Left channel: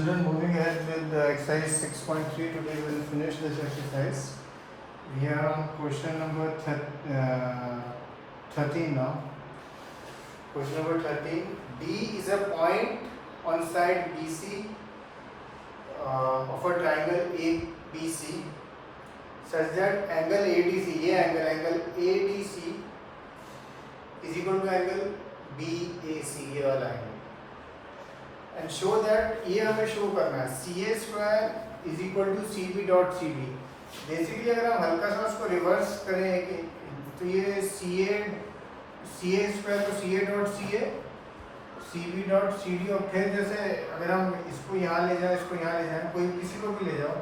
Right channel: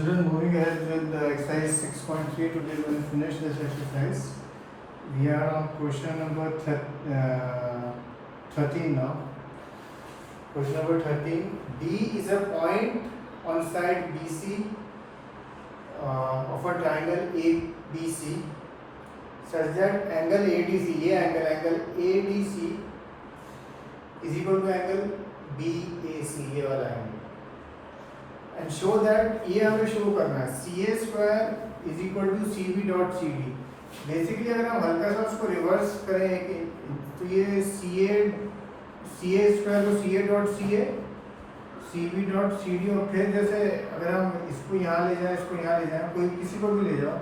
Children, moving ahead with the exercise 6.3, today we will finish this exercise. We are on question number 13 now. Question number 13. D is a point on side BC of a triangle ABC such that angle ADC, ये angle ADC is equal to angle BAC, ये वाला angle. And show that ये हमें show करना है CA square is equal to CB dot CD. Basically अगर हम हल्का सा उसको रिवर्स करें तो ये CA स्क्वायर को CA dot CA, CB dot CD, और फिर जैसे अगर हम इसको यहाँ ले जाए, इसको यहाँ ले जाए, कोई किसी को भी ले जाओ,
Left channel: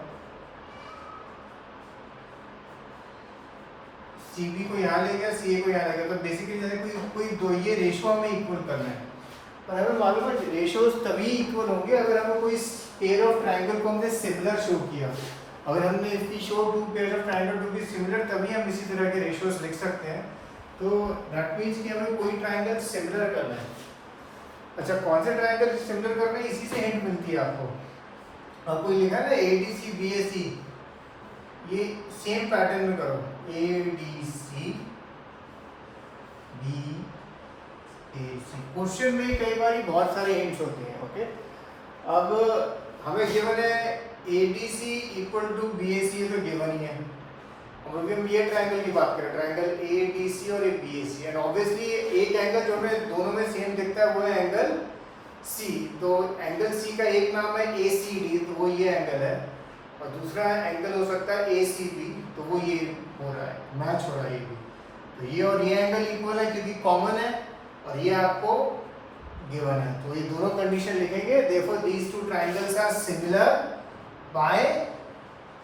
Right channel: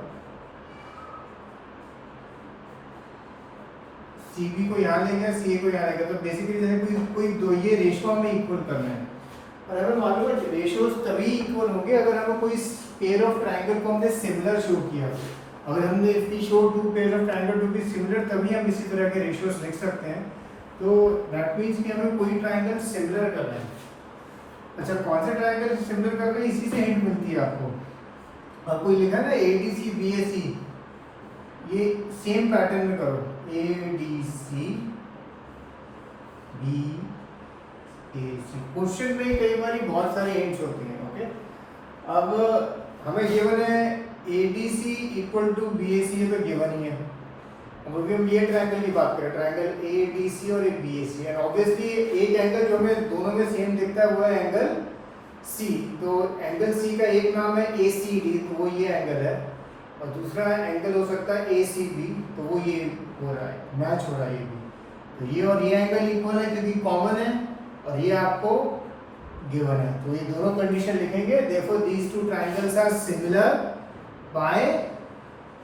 CB को यहाँ ले गया, CA को यहाँ ले गया, तो बेसिकली जैसे कोई दो ये रेशो हमें इक्वल करना है. और हमें मालूम है रेशोज तभी इक्वल होंगे अगर हमें कोई पेयर ऑफ ट्रायंगल को हमने सिमिलर शो किया. अगर हमने if we show two pair of triangle to be similar, तभी हम इसी तरह के रेशोज लिख सकते हैं. तो दैट मींस कि हमें कोई ट्रायंगल सिमिलर करना है. अच्छा, कौन सा ट्रायंगल सिमिलर करना है, इसी से हिंट मिलती है आपको. आपको लिखा है ना ADC BAC, ये सेम पैटर्न में करो, ADC BAC. क्वेश्चन में कई बार बहुत सारे हिंट्स होते हैं. ओके, अब हमें गिवन है ADC इक्वल टू BAC, तो गिवन ही है. अब अभी हम ये ट्रायंगल की बात करें, ट्रायंगल ADC और एक BAC, एंड ऑब्वियसली एक एंगल जो हमें दोनों में सेम दिखता है वो है एंगल C. तो एंगल C का एक नाम है ACD, तो वो ये एंगल है, और दूसरा एंगल हो सकता है ACB, तो वो ये हो रहा है, मैच हो रहा है ये भी. तो ये और ये एंगल इक्वल है क्योंकि कॉमन है, और ये आपको गिवन है. तो ये दोनों कंडीशन लिखेंगे. Therefore these two triangles are similar by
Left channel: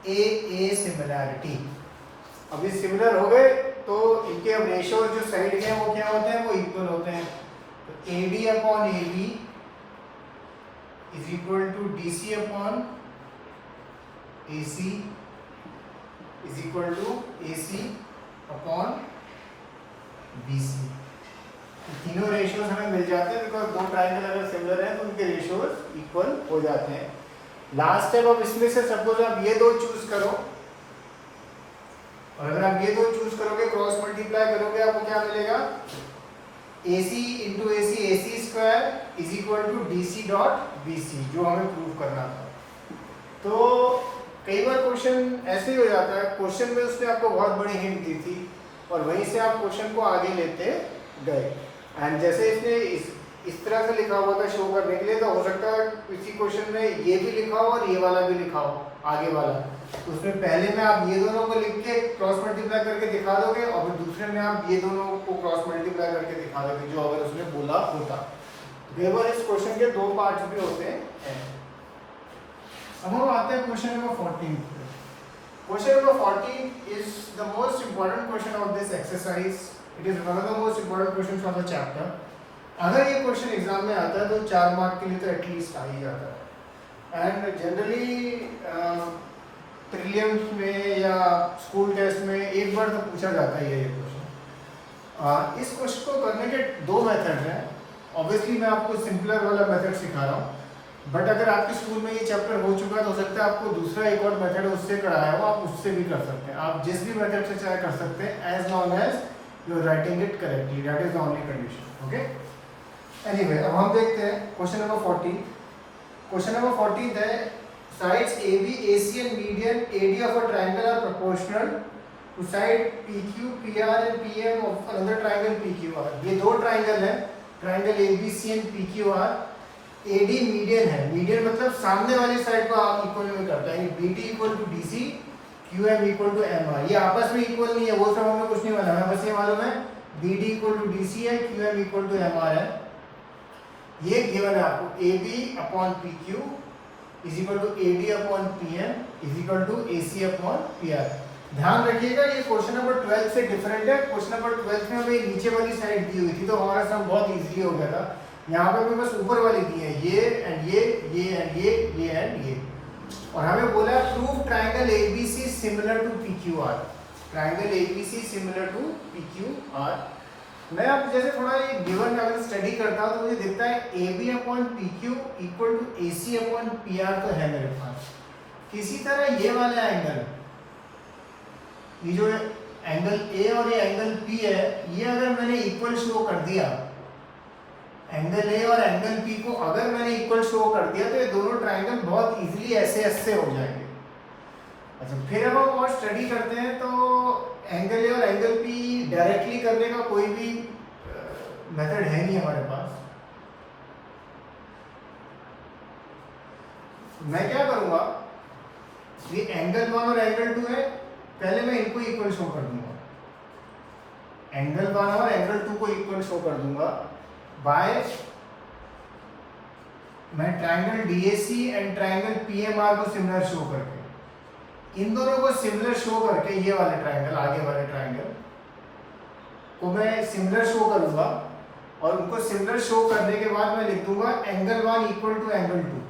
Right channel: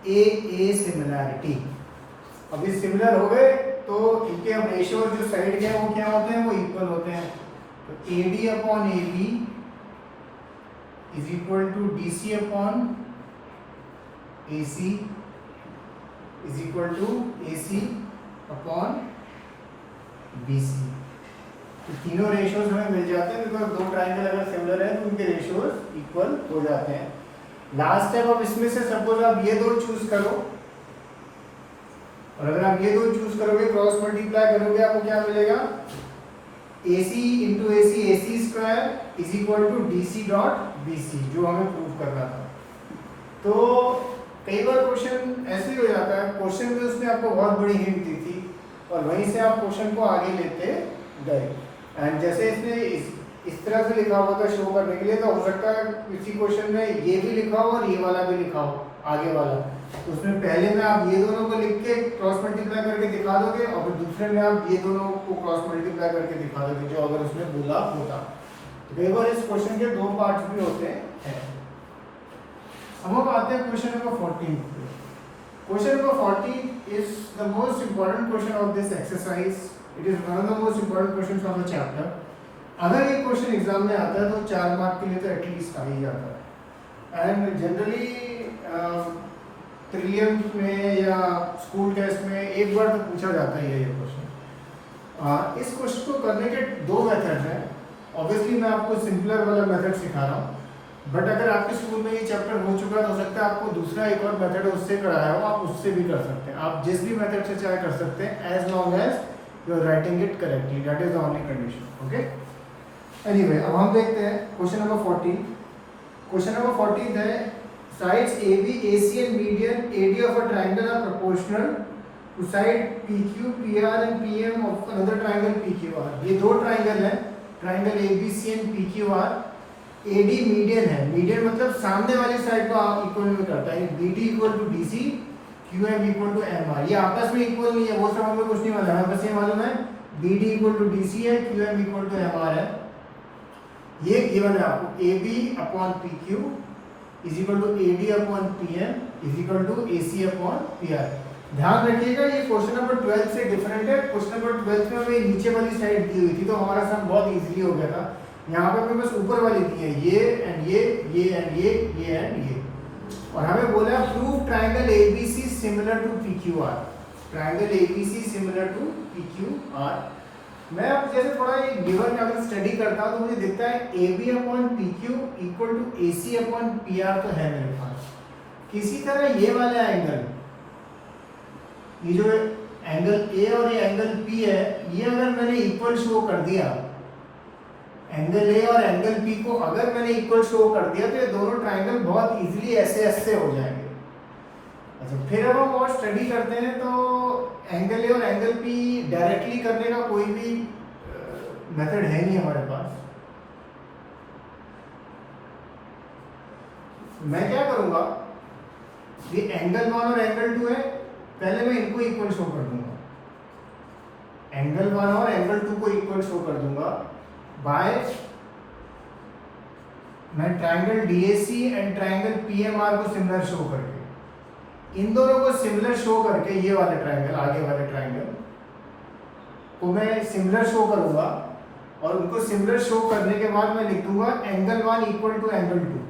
a similarity. अब ये सिमिलर हो गए तो इनके अब रेशियो जो साइड के हैं वो क्या होते हैं, वो इक्वल होते हैं. तो AD upon AB is equal to DC upon AC is equal to AC upon BC. तीनों रेशियोज हमें मिल जाते हैं बिकॉज दो ट्रायंगल अगर सिमिलर है तो उनके रेशियोज इक्वल हो जाते हैं. लास्ट स्टेप, अब इसमें से सपोज आप ये दो चूज करो, और अगर आप ये दो चूज करोगे, क्रॉस मल्टीप्लाई करोगे, आपको क्या मिलेगा, AC into AC, AC square is equal to DC dot BC, जो हमें प्रूव करना था. तो कई बार क्वेश्चन ऐसे ही हो जाता है, क्वेश्चन में उसने आपको बहुत बड़ी हिंट दी थी और वहीं से आप क्वेश्चन को आगे लेते गए. एंड जैसे इसने इस तरह से लिखा हुआ था शो करने के लिए, तो हो सकता है किसी क्वेश्चन में ये भी लिखा हो और ये वाला भी लिखा हो, आगे वाला. तो उसमें पहले में आप ये दोनों को लिख के क्रॉस मल्टीप्लाई करके दिखा दोगे, और फिर दूसरे में आप ये दोनों को क्रॉस मल्टीप्लाई करके दिखा दोगे, जो अगर उसने बोला होता. तो कई बार इस क्वेश्चन के दो पार्ट्स भी होते हैं. अब हम आते हैं क्वेश्चन नंबर 14 पे. Question number 14 is the most important question of this exercise. It is one of the most important question from the chapter. अगर ये क्वेश्चन एग्जाम में आता है तो 4 मार्क के लिए तो एटलीस्ट आ ही जाता है. एंड जनरली प्रीलिम्स में या स्कूल टेस्ट में एक बार तो पूछा जाता है ये क्वेश्चन. इस क्वेश्चन को करने के दो मेथड हैं. ऑब्वियसली मैं आपको सिंपलर वाला मेथड सिखा रहा हूँ, बट अगर आपके स्कूल में ये चैप्टर हो चुका है तो हो सकता है आपको दूसरा एक और मेथड उससे कराया हो, आप उससे भी कर सकते हैं. आप जिस भी मेथड से चाहे कर सकते हैं, as long as you are writing it correctly. That is the only condition. Okay, anyway, अब हम देखते हैं क्वेश्चन नंबर 14. क्वेश्चन नंबर 14 है sides AB, AC and median AD of a triangle are proportional to side PQ, PR and PM of another triangle PQR. ये दो triangle हैं, triangle ABC and PQR. AD median है, median मतलब सामने वाली side को equal में करता है. BD equal to DC, QM equal to MR. ये आपस में इक्वल नहीं है, वो सब हमें कुछ नहीं मालूम है, बस ये मालूम है BD इक्वल टू DC है, QM इक्वल टू MR है. ये गिवन है आपको. AB upon PQ is equal to AD upon PM is equal to AC upon PR. ध्यान रखिएगा ये क्वेश्चन नंबर 12 से डिफरेंट है. क्वेश्चन नंबर 12 में हमें नीचे वाली साइड दी हुई थी तो हमारा सम बहुत इजीली हो गया था. यहाँ पर हमें बस ऊपर वाली दी है, ये एंड ये एंड ये एंड ये. और हमें बोला prove triangle ABC similar to PQR. Triangle ABC similar to PQR. मैं अब जैसे थोड़ा ये गिवन अगर स्टडी करता हूँ तो मुझे दिखता है A B upon P Q equal to A C upon P R तो है मेरे पास। किसी तरह ये वाला एंगल, ये जो एंगल ए और ये एंगल पी है, ये अगर मैंने इक्वल शो कर दिया, एंगल ए और एंगल पी को अगर मैंने इक्वल शो कर दिया तो ये दोनों ट्राइंगल बहुत इजीली ऐसे ऐसे हो जाएंगे। अच्छा, फिर अब हम और स्टडी करते हैं तो एंगल ए और एंगल पी डायरेक्टली करने का कोई भी मेथड है नहीं हमारे पास। मैं क्या करूंगा, ये एंगल 1 और एंगल 2 है, पहले मैं इनको इक्वल शो कर दूंगा। एंगल 1 और एंगल 2 को इक्वल शो कर दूंगा बाय मैं triangle DAC and triangle PMR को सिमिलर शो करके, इन दोनों को सिमिलर शो करके ये वाले ट्राइंगल, आगे वाले ट्राइंगल को मैं सिमिलर शो करूंगा और उनको सिमिलर शो करने के बाद मैं लिख दूंगा angle 1 equal to angle 2,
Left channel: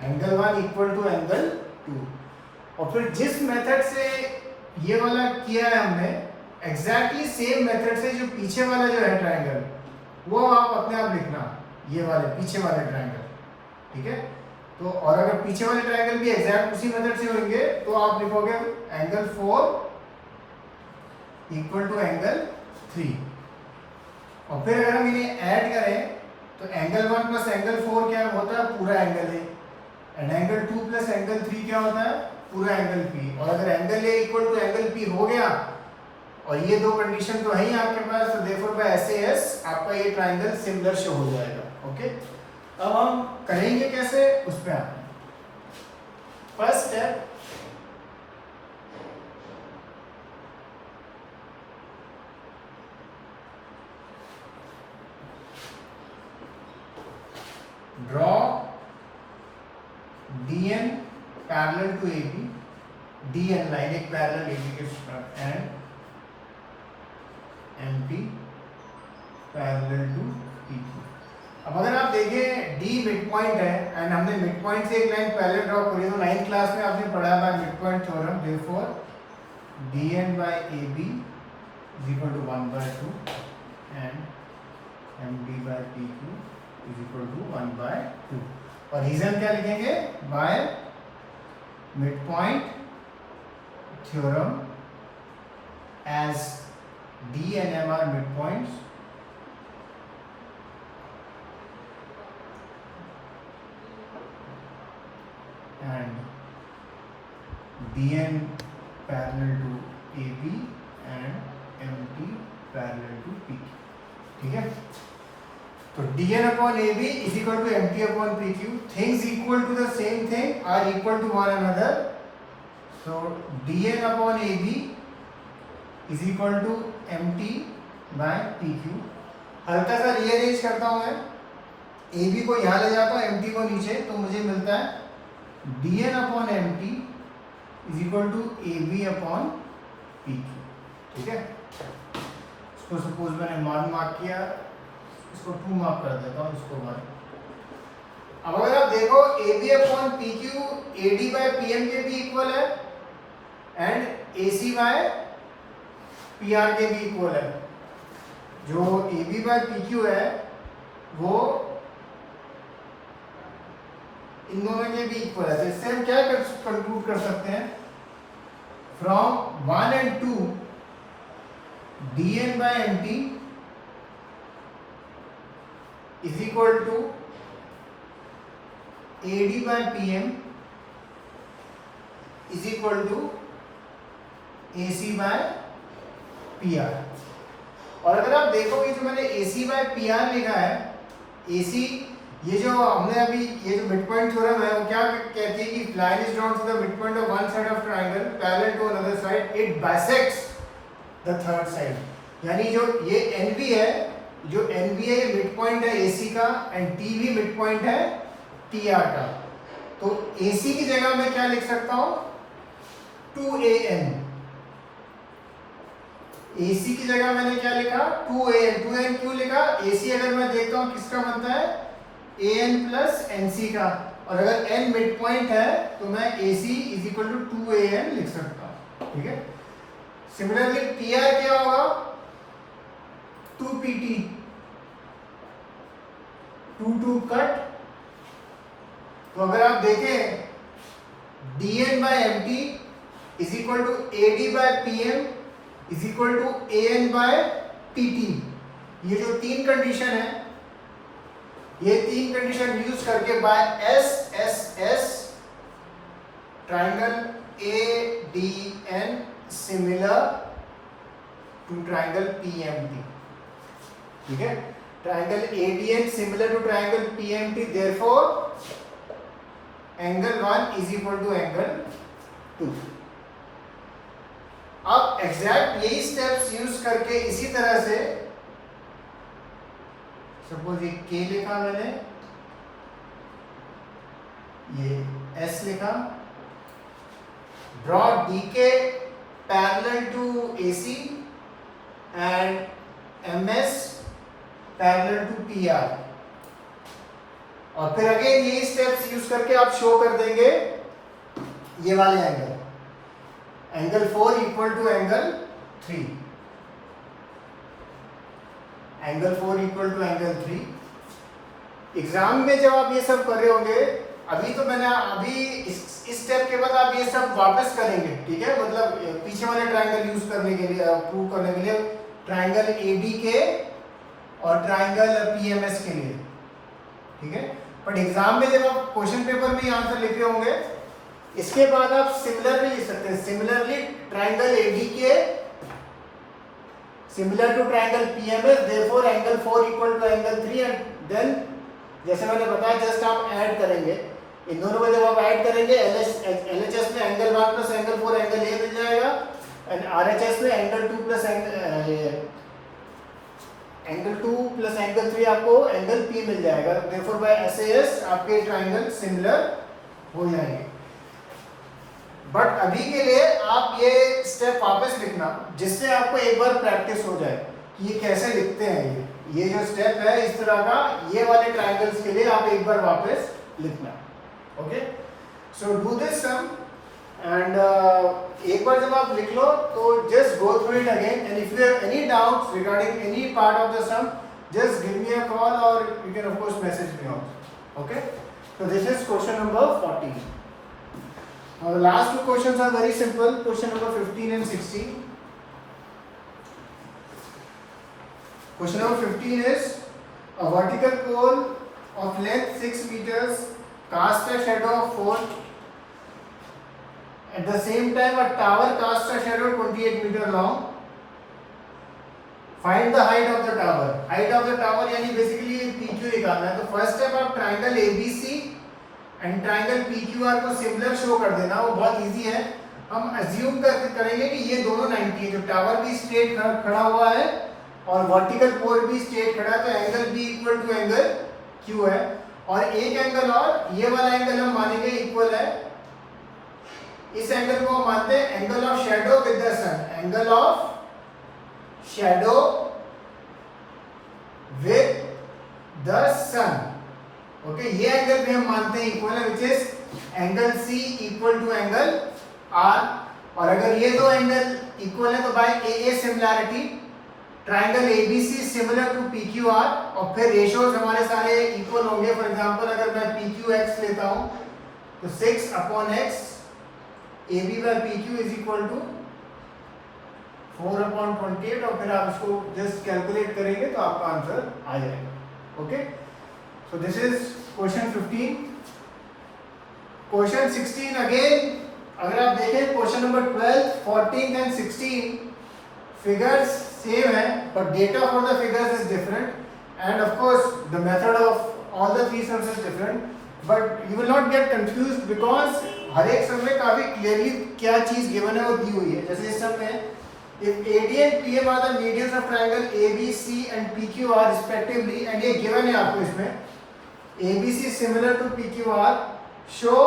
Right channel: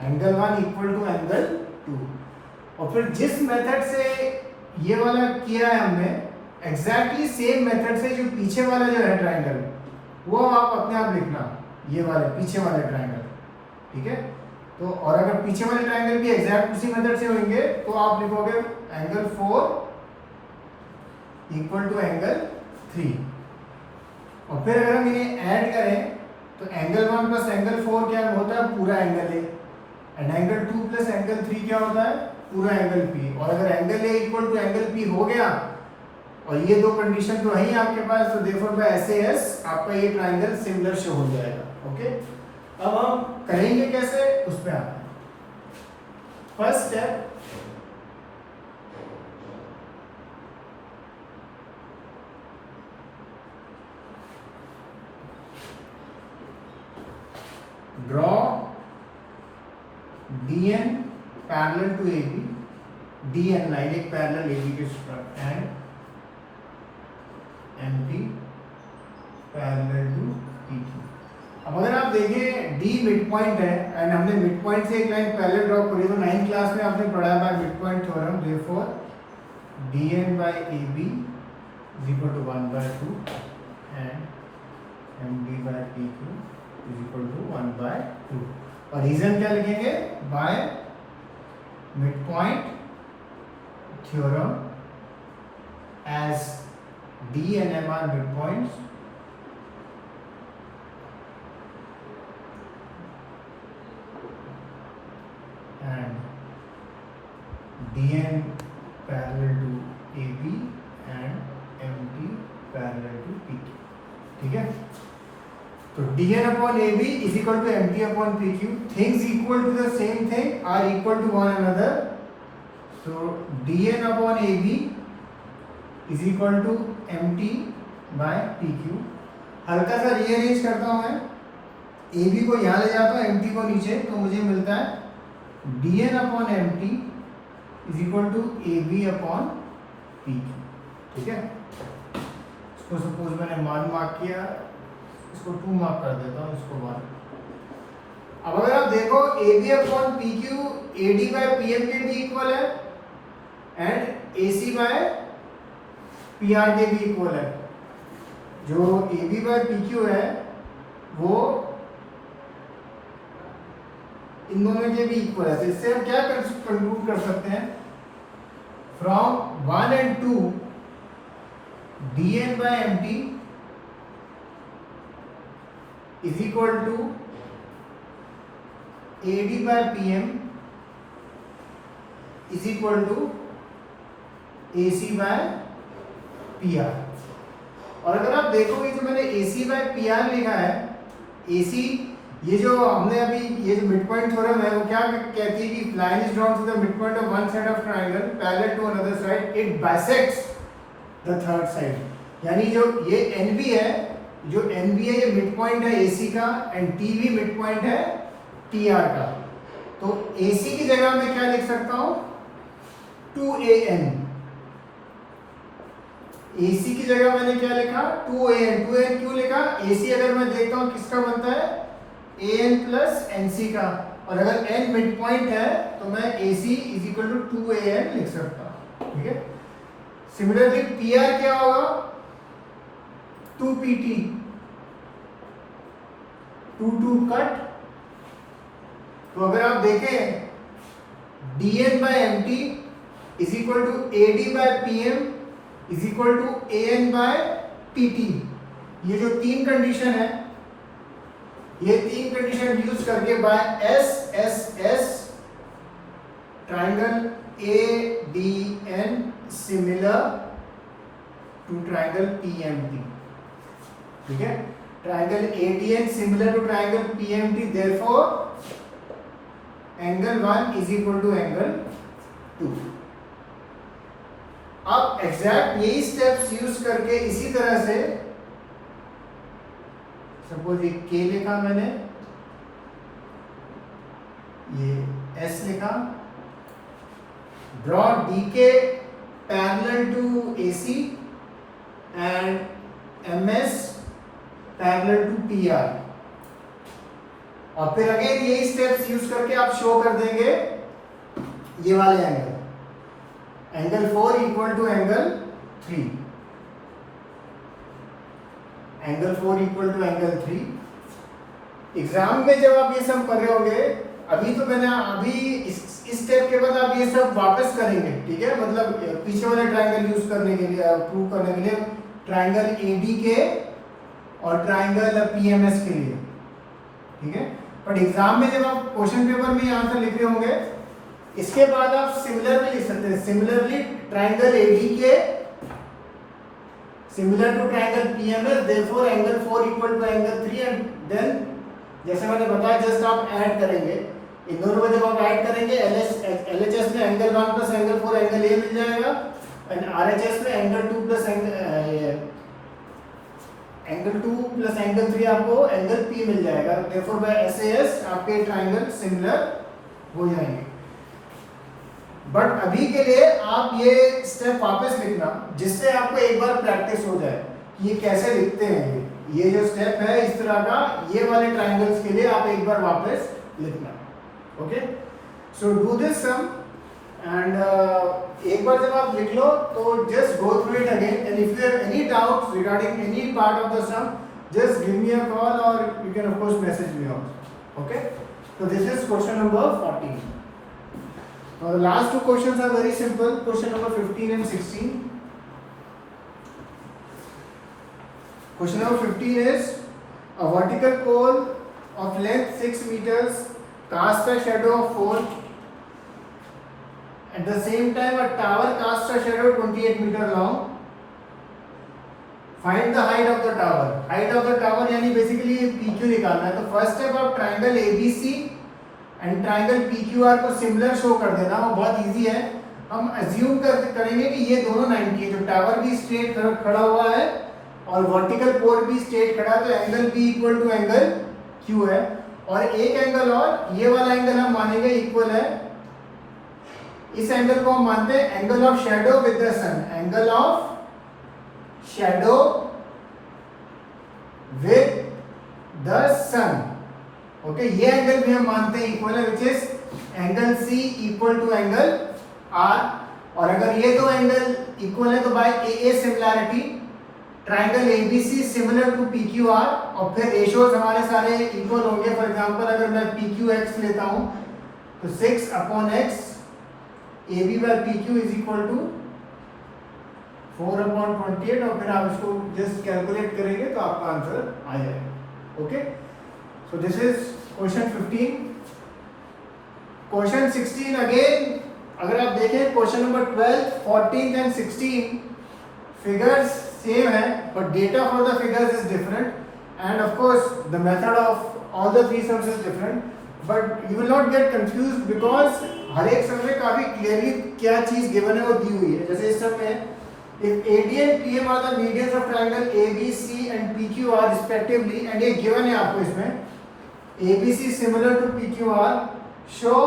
angle 1 equal to angle 2। और फिर जिस मेथड से ये वाला किया है हमने, एग्जैक्टली सेम मेथड से जो पीछे वाला जो है ट्राइंगल, वो आप अपने आप लिखना, ये वाले पीछे वाले ट्राइंगल, ठीक है। तो और अगर पीछे वाले ट्राइंगल भी एग्जैक्ट उसी मेथड से होंगे तो आप लिखोगे एंगल 4 इक्वल टू एंगल 3। और फिर अगर हम ये ऐड करें तो एंगल 1 प्लस एंगल 4 क्या होता है, पूरा angle A, and angle 2 plus angle 3 क्या होता है, पूरा एंगल पी। और अगर angle A equal to angle P हो गया और ये दो कंडीशन तो है ही आपके पास, तो देयरफॉर बाय एसएएस आपका ये ट्राइंगल सिमिलर शो हो जाएगा। ओके, अब हम करेंगे कैसे, उस पे आते हैं। First step, draw DN parallel to AB, DN line एक पैरेलल AB के साथ, and MP parallel to PQ। अब अगर आप देखें D मिड पॉइंट है एंड हमने मिड पॉइंट से एक लाइन पैरेलल ड्रॉ करी, तो 9th क्लास में आपने पढ़ा है bye mid point theorem, therefore DN by AB is equal to 1/2 and MD by PQ is equal to 1/2। और रीजन क्या लिखेंगे, by mid point theorem as D and M are midpoints and DN parallel to AB and MT parallel to PQ, ठीक है। तो DN upon AB is equal to MT upon PQ, things equal to the same thing are equal to one another, so DN upon AB is equal to MT by PQ। हल्का सा rearrange करता हूँ मैं, AB को यहाँ ले जाता हूँ, MT को नीचे, तो मुझे मिलता है DN upon MT is equal to AB upon PQ, ठीक है। इसको सपोज मैंने 1 मार्क किया, इसको 2 मार्क कर देता हूँ, इसको 1। अब अगर आप देखो AB upon PQ AD by PM के भी इक्वल है एंड AC बाय PR के भी इक्वल है। जो AB बाय PQ है वो इन दोनों के भी इक्वल है। तो इससे हम क्या कंक्लूड कर सकते हैं, from 1 and 2 DN by MT is equal to AD by PM is equal to AC by PR। और अगर आप देखोगे तो मैंने AC by PR लिखा है, AC ये जो हमने अभी ये जो मिड पॉइंट थ्योरम है वो क्या कहती है कि line is drawn to the mid point of one side of triangle parallel to another side, it bisects the third side. यानी जो ये NB है, जो NB है ये मिड पॉइंट है AC का एंड TV मिड पॉइंट है TR का। तो AC की जगह मैं क्या लिख सकता हूँ, 2AN। AC की जगह मैंने क्या लिखा, 2AN। 2AN क्यों लिखा, AC अगर मैं देखता हूँ किसका बनता है, AN प्लस NC का, और अगर N मिड पॉइंट है तो मैं AC is equal to 2AN लिख सकता हूँ, ठीक है। सिमिलरली PR क्या होगा, 2PT, 2 कट। तो अगर आप देखें dn by mt is equal to ad by pm is equal to an by pt। ये जो तीन कंडीशन है, ये तीन कंडीशन यूज करके by S S S triangle ADN similar to triangle PMT, ठीक है। Triangle ADN similar to triangle PMT, therefore angle 1 is equal to angle 2। अब एग्जैक्ट यही स्टेप्स यूज करके इसी तरह से सपोज ये K लिखा मैंने, ये S लिखा, draw DK parallel to AC and MS parallel to PR। और फिर अगेन यही स्टेप्स यूज करके आप शो कर देंगे ये वाले angle, angle 4 equal to angle 3, angle 4 equal to angle 3। Exam में जब आप ये सब कर रहे होंगे, अभी तो मैंने अभी इस स्टेप के बाद आप ये सब वापस करेंगे, ठीक है। मतलब पीछे वाले ट्रायंगल यूज करने के लिए, प्रूव करने के लिए, ट्रायंगल ADK और ट्रायंगल PMS के लिए, ठीक है। बट एग्जाम में जब आप क्वेश्चन पेपर में आंसर लिख रहे होंगे, इसके बाद आप सिमिलरली लिख सकते हैं, similarly triangle ADK similar to triangle PMS, therefore angle 4 equal to angle 3, and then जैसे मैंने बताया जस्ट आप ऐड करेंगे इन दोनों को। जब आप ऐड करेंगे LHS में angle 1 plus angle 4 angle A मिल जाएगा, एंड RHS में angle 2 plus angle 2 plus angle 3 आपको एंगल P मिल जाएगा। देयरफॉर बाय SAS आपके ट्रायंगल सिमिलर हो जाएंगे। बट अभी के लिए आप ये स्टेप वापस लिखना, जिससे आपको एक बार प्रैक्टिस हो जाए कि ये कैसे लिखते हैं। ये जो स्टेप है इस तरह का, ये वाले ट्रायंगल्स के लिए आप एक बार वापस लिखना, okay. So do this sum, and एक बार जब आप लिख लो तो just go through it again, and if you have any doubts regarding any part of the sum, just give me a call, or you can of course message me also, okay। So this is question number 14. Now the last two questions are very simple, question number 15 and 16. Question number 15 is a vertical pole of length 6 meters casts a shadow of 4. At the same time a tower casts a shadow 28 meter long. Find the height of the tower. Height of the tower यानी basically PQ निकालना है। तो first step आप triangle ABC and triangle PQR को similar show कर देना, वो बहुत इजी है। हम अज्यूम करेंगे कि ये दोनों 90 है, जो टावर भी स्ट्रेट खड़ा हुआ है और वर्टिकल पोल भी स्ट्रेट खड़ा है, तो angle B equal to angle Q है। और एक एंगल और, ये वाला एंगल हम मानेंगे इक्वल है, इस एंगल को हम मानते हैं angle of shadow with the sun, angle of shadow with the sun, okay. ये एंगल भी हम मानते हैं इक्वल है, which is angle C equal to angle R। और अगर ये दो एंगल इक्वल है तो by AA similarity triangle ABC similar to PQR, और फिर रेशियोज हमारे सारे इक्वल होंगे। फॉर एग्जांपल अगर मैं PQX लेता हूं तो 6/x AB by PQ is equal to 4/28, और फिर आप इसको जस्ट कैलकुलेट करेंगे तो आपका आंसर आ जाएगा, okay. So this is question 15। Question 16 again, अगर आप देखें question number 12, 14 and 16 figures same है, but data for the figures is different, and of course the method of all the three sums is different. But you will not get confused, because हर एक sum में काफी clearly क्या चीज given है वो दी हुई है। जैसे इस सम में if AD and PM are the medians of triangle ABC and PQR respectively, and ये given है आपको इसमें ABC similar to PQR, show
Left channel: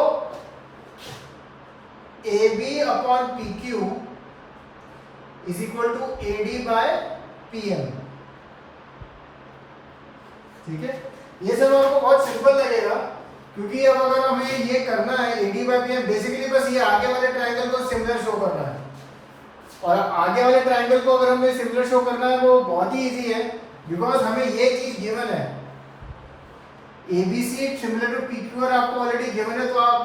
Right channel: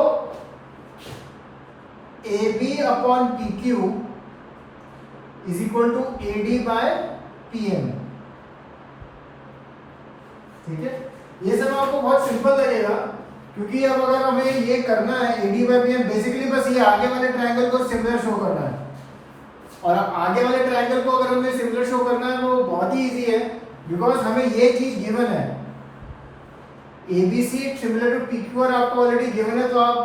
AB upon PQ is equal to AD by PM, ठीक है। ये सब आपको बहुत सिंपल लगेगा, क्योंकि अब अगर हमें ये करना है AD by PM, बेसिकली बस ये आगे वाले ट्रायंगल को सिमिलर शो करना है, और आगे वाले ट्रायंगल को अगर हमें सिमिलर शो करना है वो बहुत ही इजी है, बिकॉज हमें ये चीज गिवन है, ABC सिमिलर टू PQ और आपको ऑलरेडी गिवन है, तो आप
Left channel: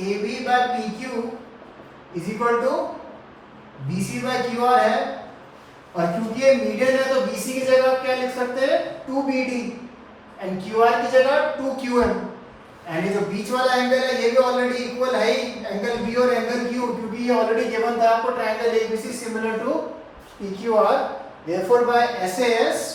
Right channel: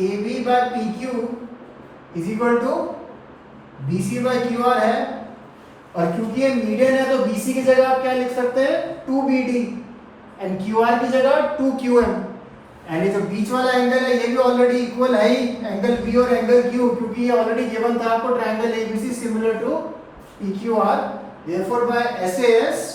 AB by PQ is equal to BC by QR है, और क्योंकि ये मीडियन है तो BC की जगह आप क्या लिख सकते हैं 2BD एंड QR की जगह 2QM, एंड ये जो बीच वाला एंगल है ये भी ऑलरेडी इक्वल है ही एंगल B और एंगल Q, क्योंकि ये ऑलरेडी गिवन था आपको triangle ABC similar to PQR, therefore by SAS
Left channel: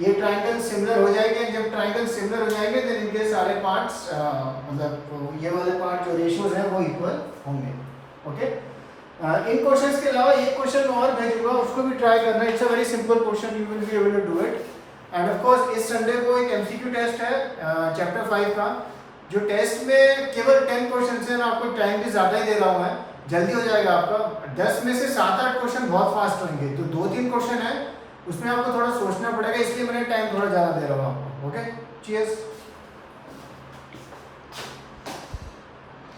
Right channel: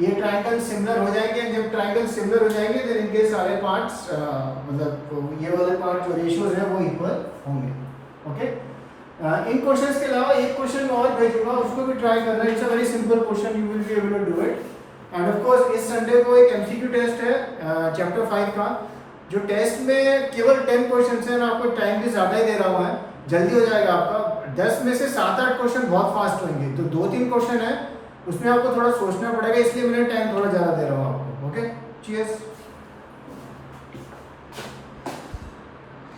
ये ट्रायंगल सिमिलर हो जाएंगे। जब ट्रायंगल सिमिलर हो जाएंगे देन इनके सारे पार्ट्स मतलब ये वाले पार्ट जो रेशियोज हैं वो इक्वल होंगे। ओके, इन क्वेश्चंस के अलावा एक क्वेश्चन और भेजूंगा, उसको भी ट्राई करना, it's a very simple question, you will be able to do it. And of course इस संडे को एक MCQ टेस्ट है चैप्टर 5 का, जो टेस्ट में केवल 10 क्वेश्चंस हैं, आपको टाइम भी ज़्यादा ही दे रहा हुआ है, जल्दी हो जाएगा आपका। 10 में से 7-8 क्वेश्चन बहुत फास्ट होंगे, तो 2-3 क्वेश्चन है उसमें आपको थोड़ा सोचना पड़ेगा, इसलिए मैंने टाइम थोड़ा ज़्यादा दे रहा हूँ आपको। Okay, cheers.